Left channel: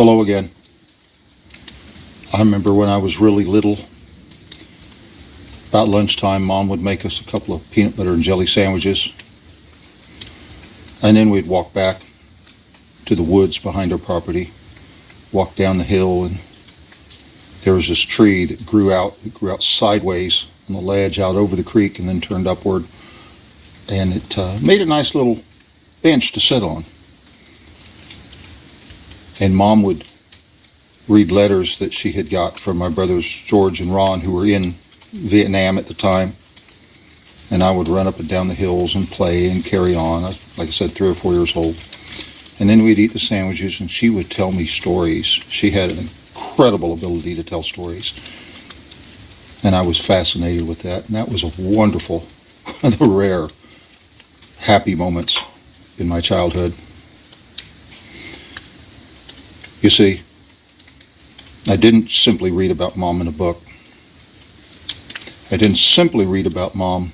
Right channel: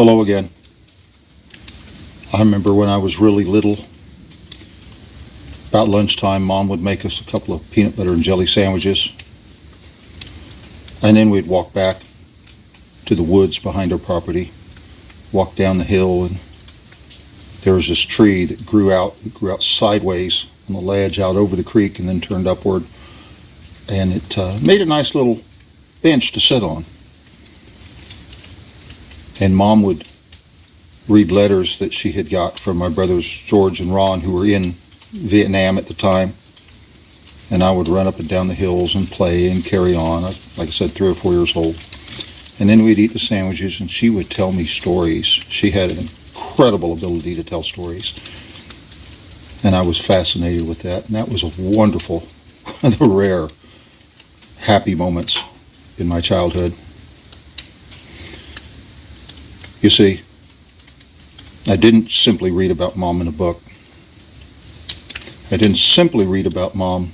Hello again. I remember when I was really little, about lunchtime, Mom would make us a couple of peanut butter and jelly sandwiches. And then we'd walk back to the woods behind our property, walk down the hill, and there was this tree that grew out sideways on the ledge out over the creek and then turned upward. And it made a nice little bench to sit on. And Mom would read letters that she had got from my brothers George and Ron, who were in Vietnam at the time. And I would run up and down the hills and play and carry on. I was, like I said, 3 or 4 years old. And then we'd eat the sandwiches, and she would tell me stories. She had an incredible ability to tell stories. And I was fascinated with that. And that was a wonderful, one of the rare happy moments in my childhood. You see, I didn't simply read about Mom in a book. I didn't simply read about Mom.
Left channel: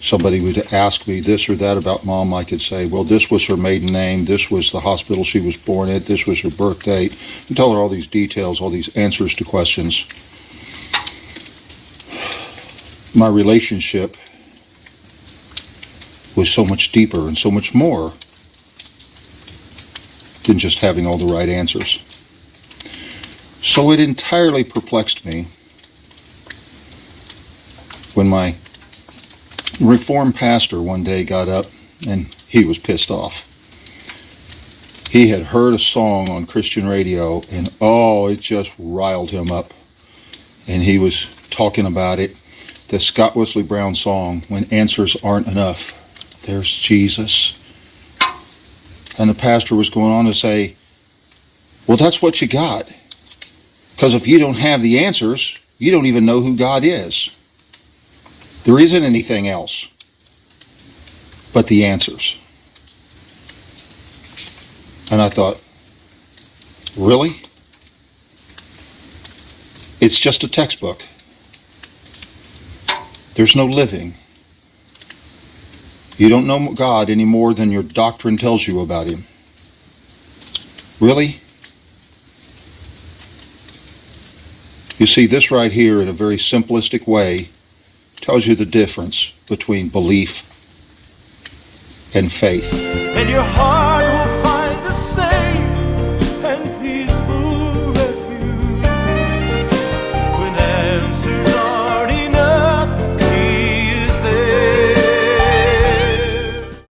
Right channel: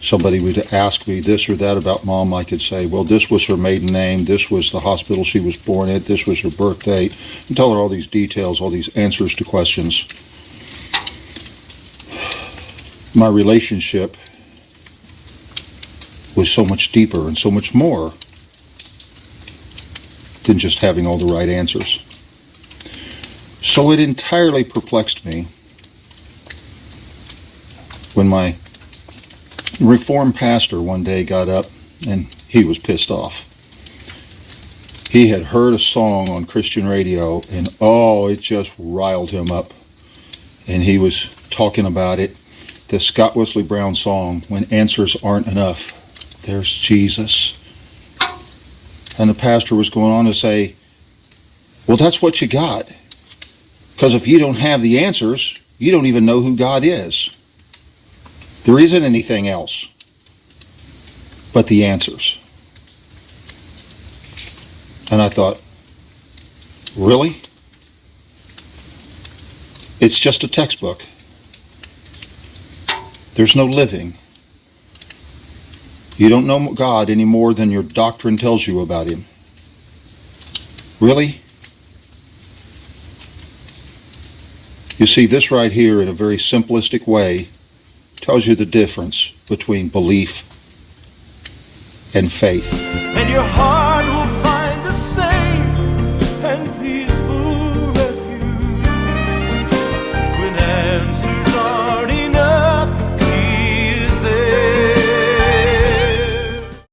Somebody would ask me this or that about Mom. I could say, well, this was her maiden name. This was the hospital she was born at. This was her birth date. And tell her all these details, all these answers to questions. My relationship was so much deeper and so much more than just having all the right answers. So it entirely perplexed me when my Reformed pastor one day got up, and he was pissed off. He had heard a song on Christian radio, and it just riled him up. And he was talking about it, the Scott Wesley Brown song, When Answers Aren't Enough. There's Jesus. And the pastor was going on to say, well, that's what you got. Because if you don't have the answers, you don't even know who God is. There isn't anything else but the answers. And I thought, really? It's just a textbook. There's no living. You don't know God any more than your doctrine tells you about him. Really? You see, this right here, in a very simplistic way, tells you the difference between belief and faith. And your heart will